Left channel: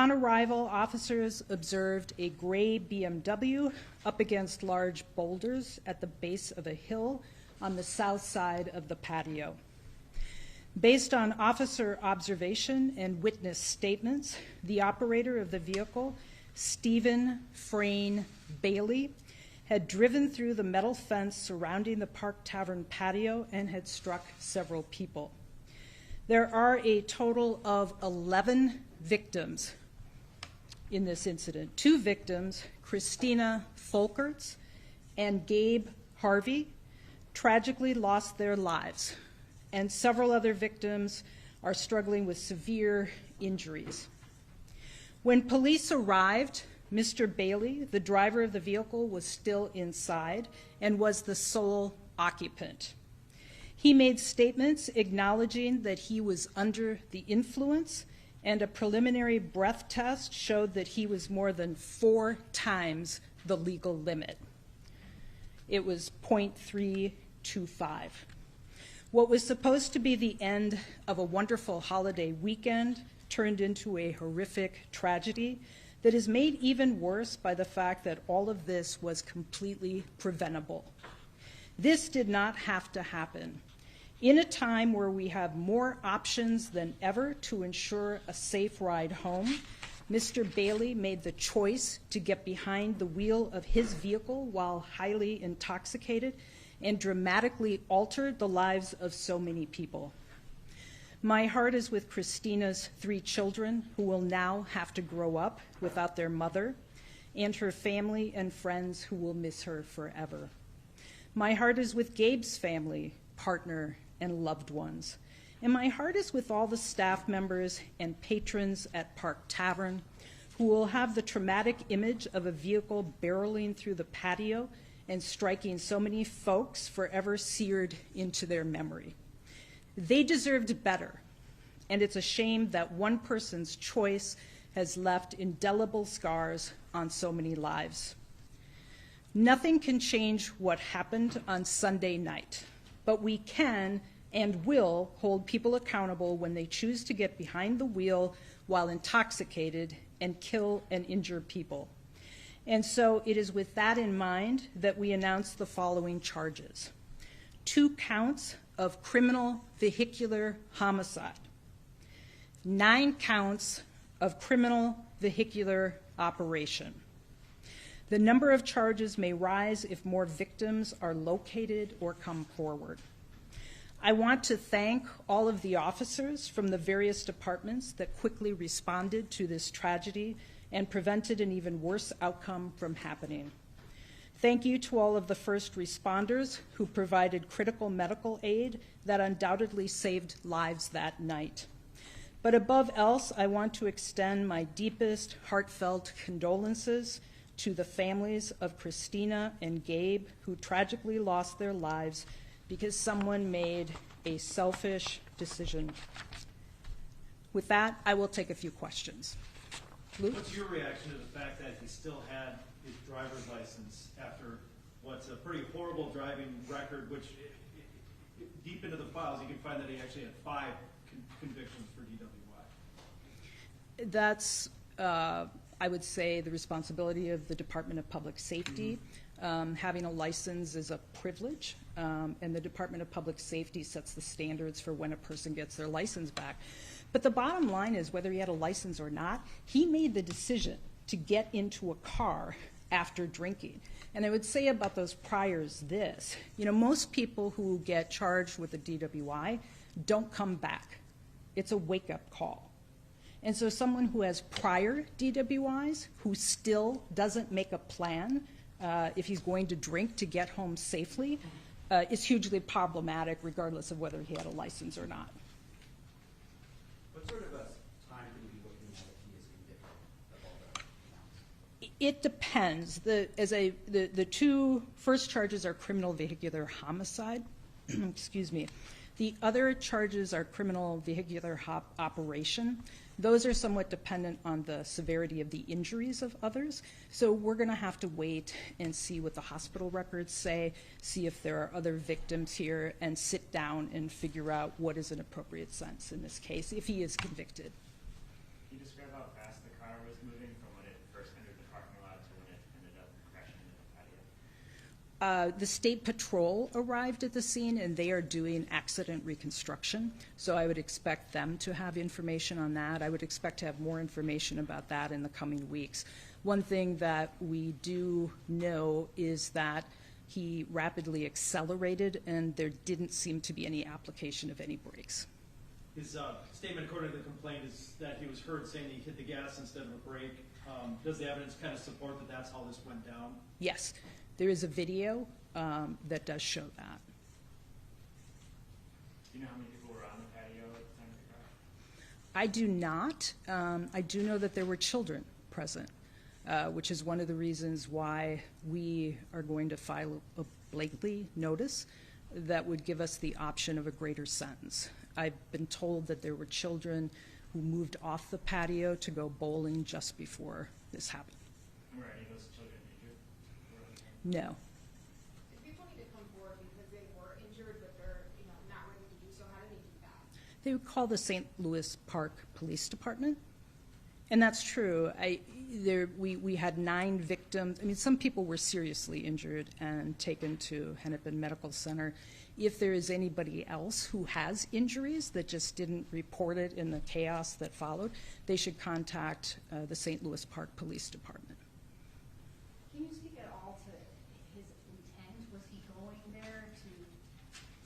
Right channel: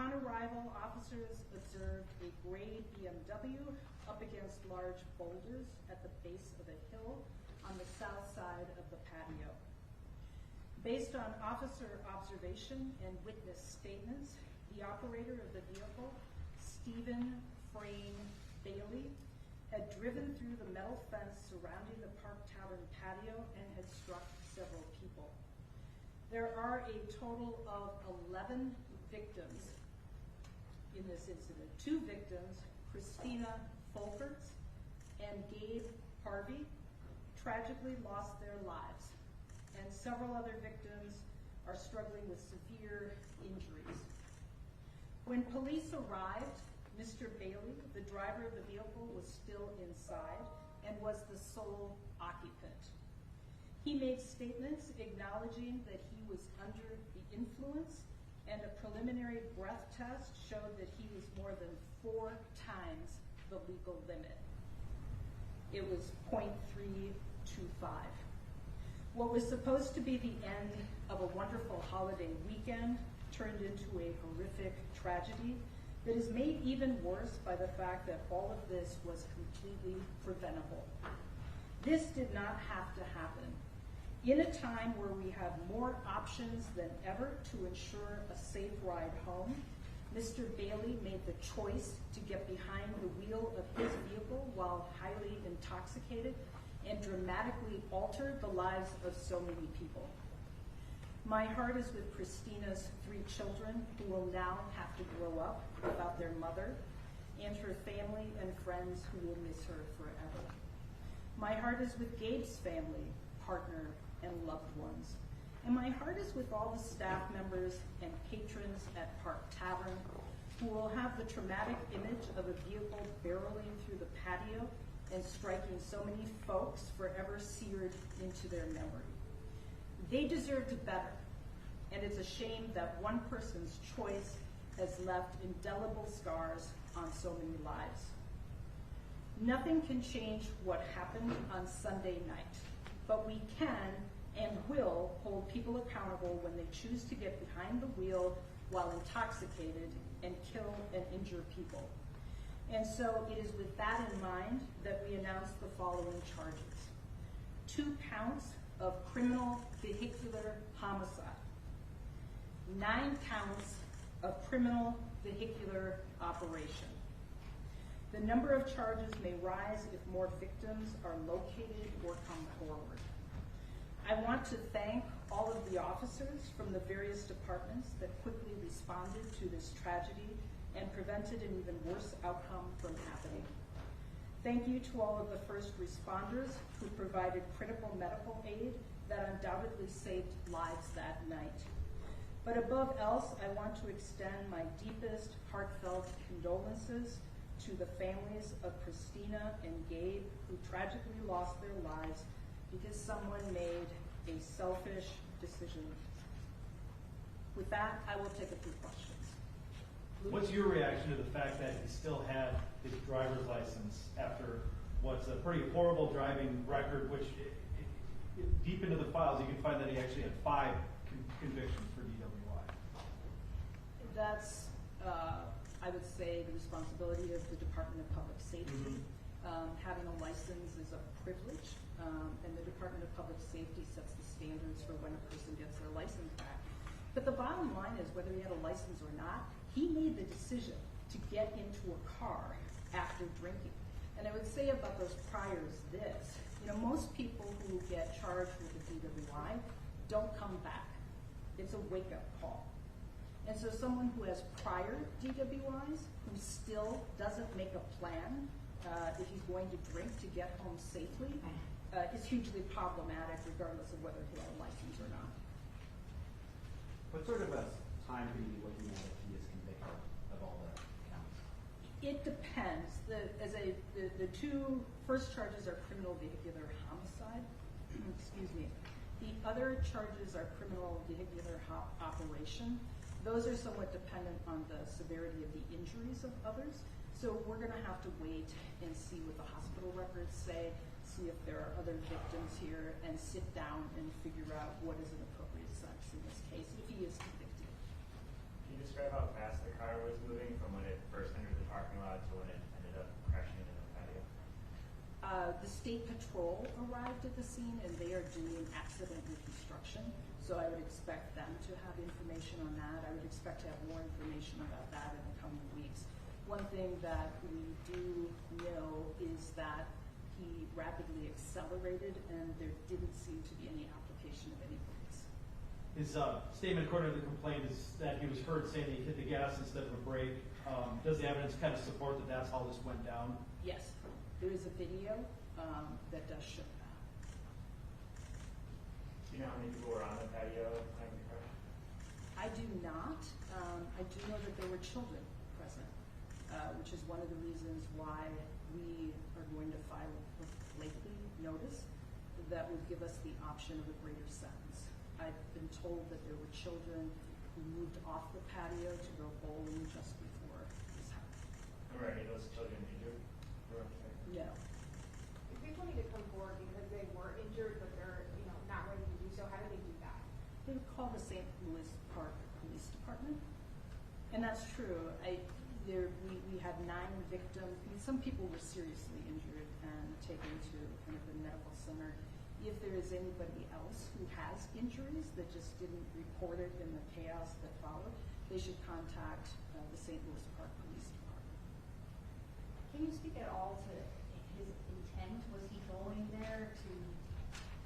Upon arrival, officers observed a gray BMW up against large boulders at the base of a hill on the south side of the patio. Based on officer observation and witness statements, the operator of the vehicle, Stephen Frane Bailey, had driven through the metal fence surrounding the Park Tavern patio and had struck several people. There are a total of 11 victims in this incident. 2 victims, Christina Folkerts and Gabe Harvey, tragically lost their lives, and several other victims are struggling with severe injuries. When police arrived, Mr. Bailey, the driver of the vehicle, was still inside and was the sole occupant. He made statements acknowledging that he was under the influence, and a preliminary breath test showed that he was more than 4 times the legal limit. It was 0.325. What was supposed to be the end of a wonderful holiday weekend turned into a horrific tragedy that is made even worse by the fact that all of this was completely preventable. This did not have to happen. In a time where we have more options than ever to ensure a safe ride home, Mr. Bailey made the choice to get behind the wheel of his vehicle while highly intoxicated and dramatically altered the lives of so many people. My heart is with Christina's 3 children who will now have to grow up without their mother, and her family and friends who will miss her forever. My heart is with Gabe's family, partner, and loved ones. And my heart is with all the staff members and patrons at Park Tavern who will have the traumatic image of a vehicle barreling through the patio and striking so many folks forever seared into their memory. They deserved better, and it's a shame that one person's choice has left indelible scars on so many lives. Nothing can change what happened on Sunday night, but we can and will hold people accountable when they choose to get behind the wheel while intoxicated and kill and injure people. And so it is with that in mind that we announce the following charges: 2 counts of criminal vehicular homicide, 9 counts of criminal vehicular operation. The number of charges may rise if more victims are located or come forward. I want to thank all of the officers from the various departments that quickly responded to this tragedy and prevented an even worse outcome from happening. Thank you to all of the first responders who provided critical medical aid that undoubtedly saved lives that night. But above else, I want to extend my deepest heartfelt condolences to the families of Christina and Gabe, who tragically lost their lives because someone made a selfish decision. With that, I will take a few questions. Luke? What's your reaction to the fact that he still had his driver's license after what's a pretty horrible driving record, which deep into the files, you can find that he actually had 5 convictions for DWI? That's, I would say, the responsibility of the Department of Public Safety. Having a license is a privilege, and the Department of Public Safety sets the standards for when a person gets their license back. But the bottom line is, whether he had a license or not, he made the decision to get into a car after drinking. And I would say about those priors this: most people who get charged with a DWI don't come back. It's a wake-up call. And so someone who has prior DWIs, who still doesn't make a plan if he's going to drink to get home safely, is hugely problematic regardless of whether he had a license or not. What sort of a time could we be looking at if he is convicted of all the counts? It depends. The 2 first charges are criminal vehicular homicide. Excuse me. The other charges are criminal vehicular operation. Those are somewhat dependent on the severity of the injuries of others. So we're going to have to wait and see what the hospital records say, see if there are other victims here, and sit down and figure out what is an appropriate sentence in this case, if he is convicted. Can you describe how fast the car The state patrol arrived at the scene, and they are doing accident reconstruction. So I would expect them to have information on that. I would expect to have more information about that in the coming weeks. One thing that we do know is that he rapidly accelerated, and there didn't seem to be any application of any brakes. His statement, according to the complaint, is that he was heard saying that he hit the gas instead of a brake. Does the evidence kind of support that that's how this went down? Yes, there is a video that does show that. Do you know how many people were on the patio at the time of the crash? I do not. I do know that there were children present, which is one of the reasons why we are going to file a Blakely notice that would give us the option of a greater sentence. I've been told that there were children who moved off the patio to go bowling just before this happened. Were any of those children injured? No. People need to come forward because they were injured, but they're, not ready to do so. How do they do that? They would call the St. Louis Park Police Department. And that's true. We had 9 victims. I mean, some people were seriously injured and taken to Hennepin Medical Center. If there is anybody else who has injuries that just didn't report it in the chaos that followed, they should contact the St. Louis Park Police Department. Can you speak at all to his intent? Was he going there to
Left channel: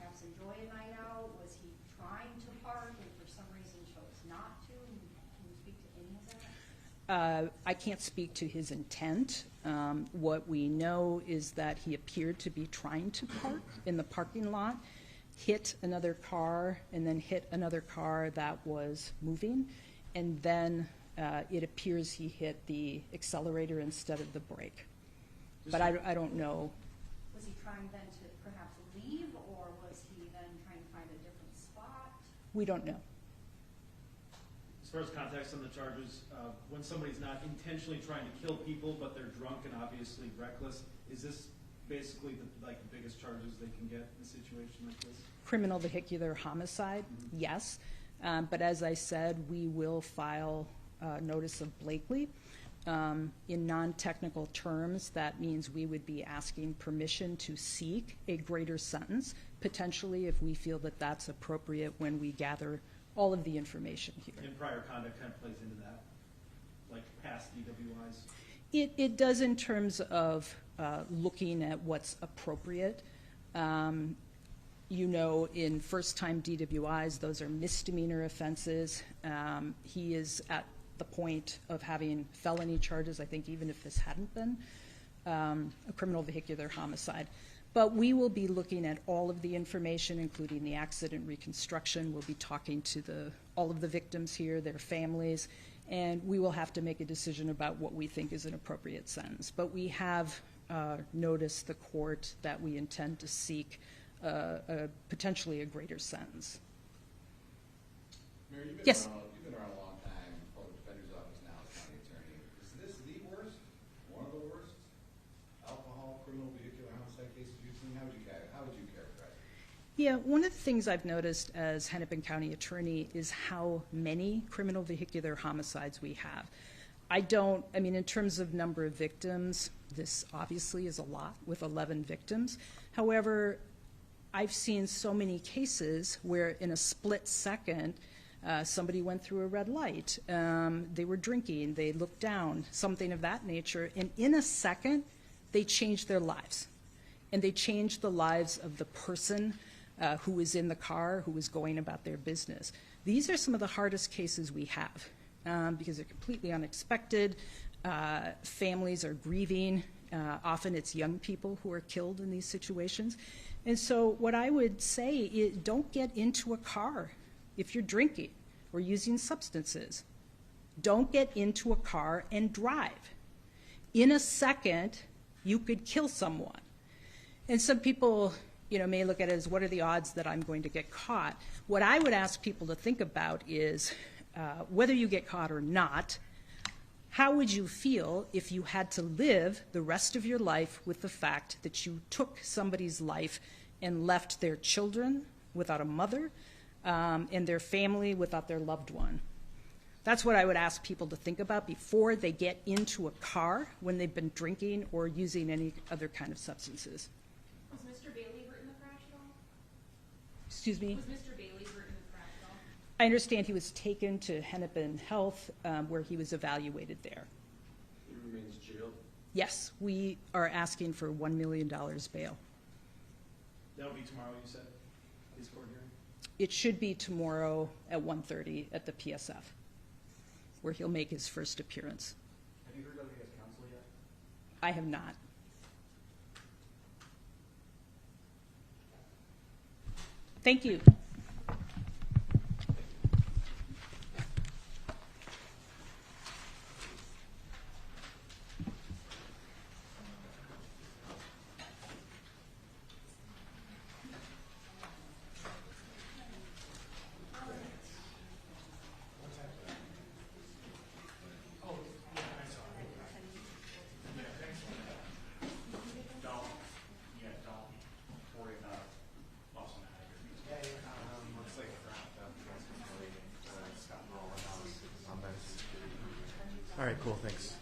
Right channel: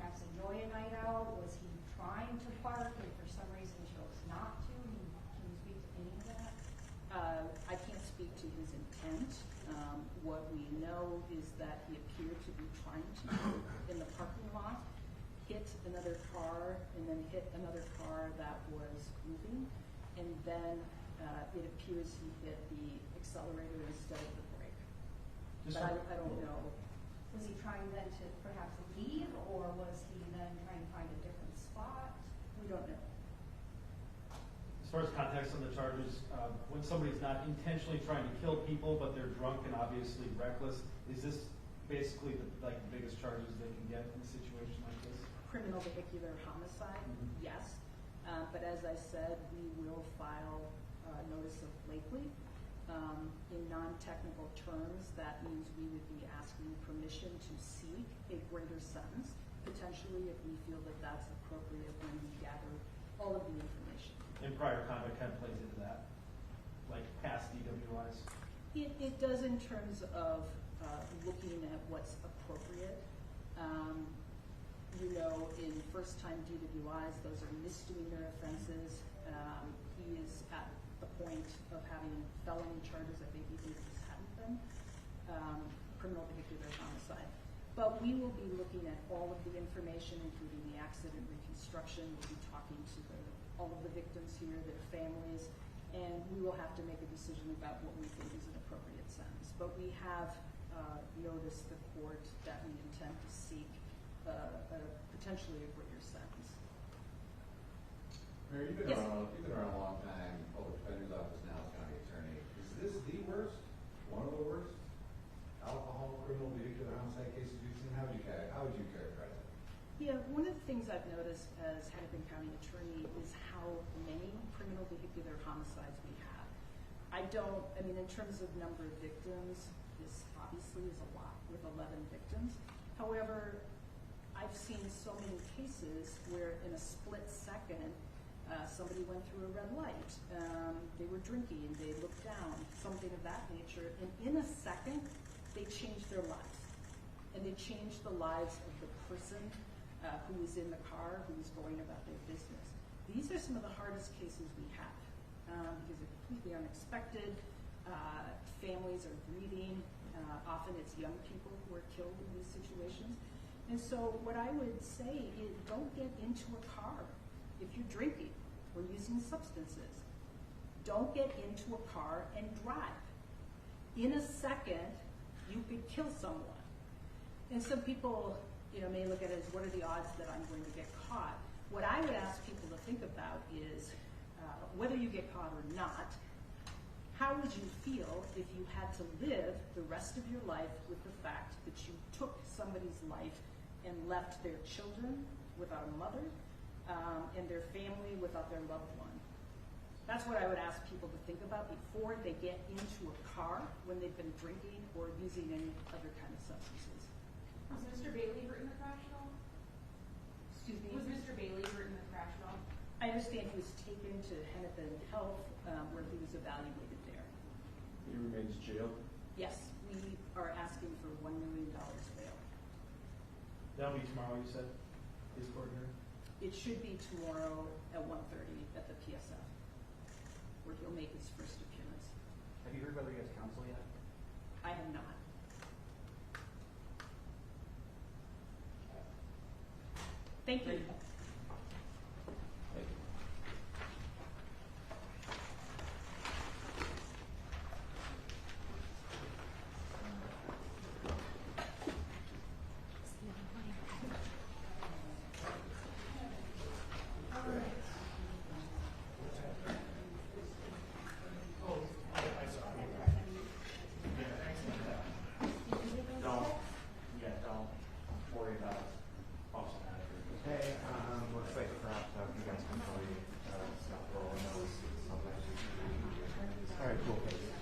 perhaps enjoy a night out? Was he trying to park and for some reason chose not to? Can you speak to any of that? I can't speak to his intent. What we know is that he appeared to be trying to park in the parking lot, hit another car, and then hit another car that was moving, and then it appears he hit the accelerator instead of the brake. But I don't know. Was he trying then to perhaps leave, or was he then trying to find a different spot? We don't know. As far as context on the charges, when somebody's not intentionally trying to kill people, but they're drunk and obviously reckless, is this basically the biggest charges they can get in a situation like this? Criminal vehicular homicide, yes. But as I said, we will file notice of Blakely. In non-technical terms, that means we would be asking permission to seek a greater sentence, potentially if we feel that that's appropriate when we gather all of the information here. And prior conduct kind of plays into that, like past DWIs? It does in terms of looking at what's appropriate. In first-time DWIs, those are misdemeanor offenses. He is at the point of having felony charges, I think even if this hadn't been, a criminal vehicular homicide. But we will be looking at all of the information, including the accident reconstruction. We'll be talking to all of the victims here, their families, and we will have to make a decision about what we think is an appropriate sentence. But we have noticed the court that we intend to seek potentially a greater sentence. Mary, Yes. You've been around a long time, public defender's office now as county attorney. Is this the worst, one of the worst alcohol, criminal vehicular homicide cases you've seen? How would you characterize it? Yeah, one of the things I've noticed as Hennepin County attorney is how many criminal vehicular homicides we have. In terms of number of victims, this obviously is a lot with 11 victims. However, I've seen so many cases where in a split second, somebody went through a red light, they were drinking, they looked down, something of that nature, and in a second, they changed their lives. And they changed the lives of the person who was in the car, who was going about their business. These are some of the hardest cases we have because they're completely unexpected. Families are grieving. Often it's young people who are killed in these situations. And so what I would say is don't get into a car if you're drinking or using substances. Don't get into a car and drive. In a second, you could kill someone. And some people, may look at it as, what are the odds that I'm going to get caught? What I would ask people to think about is, whether you get caught or not, how would you feel if you had to live the rest of your life with the fact that you took somebody's life and left their children without a mother and their family without their loved one? That's what I would ask people to think about before they get into a car when they've been drinking or using any other kind of substances. Mr. Bailey hurt in the crash at all? Excuse me? Was Mr. Bailey hurt in the crash at all? I understand he was taken to Hennepin Health, where he was evaluated there. He remains jailed? Yes, we are asking for $1 million bail. That'll be tomorrow, you said, his court hearing? It should be tomorrow at 1:30 at the PSF, where he'll make his first appearance. Have you heard whether he has counsel yet? I have not. Thank you. Don't worry about Austin out here. Hey, looks like wrapped up. You guys can probably stop rolling on this. All right, cool. Thanks.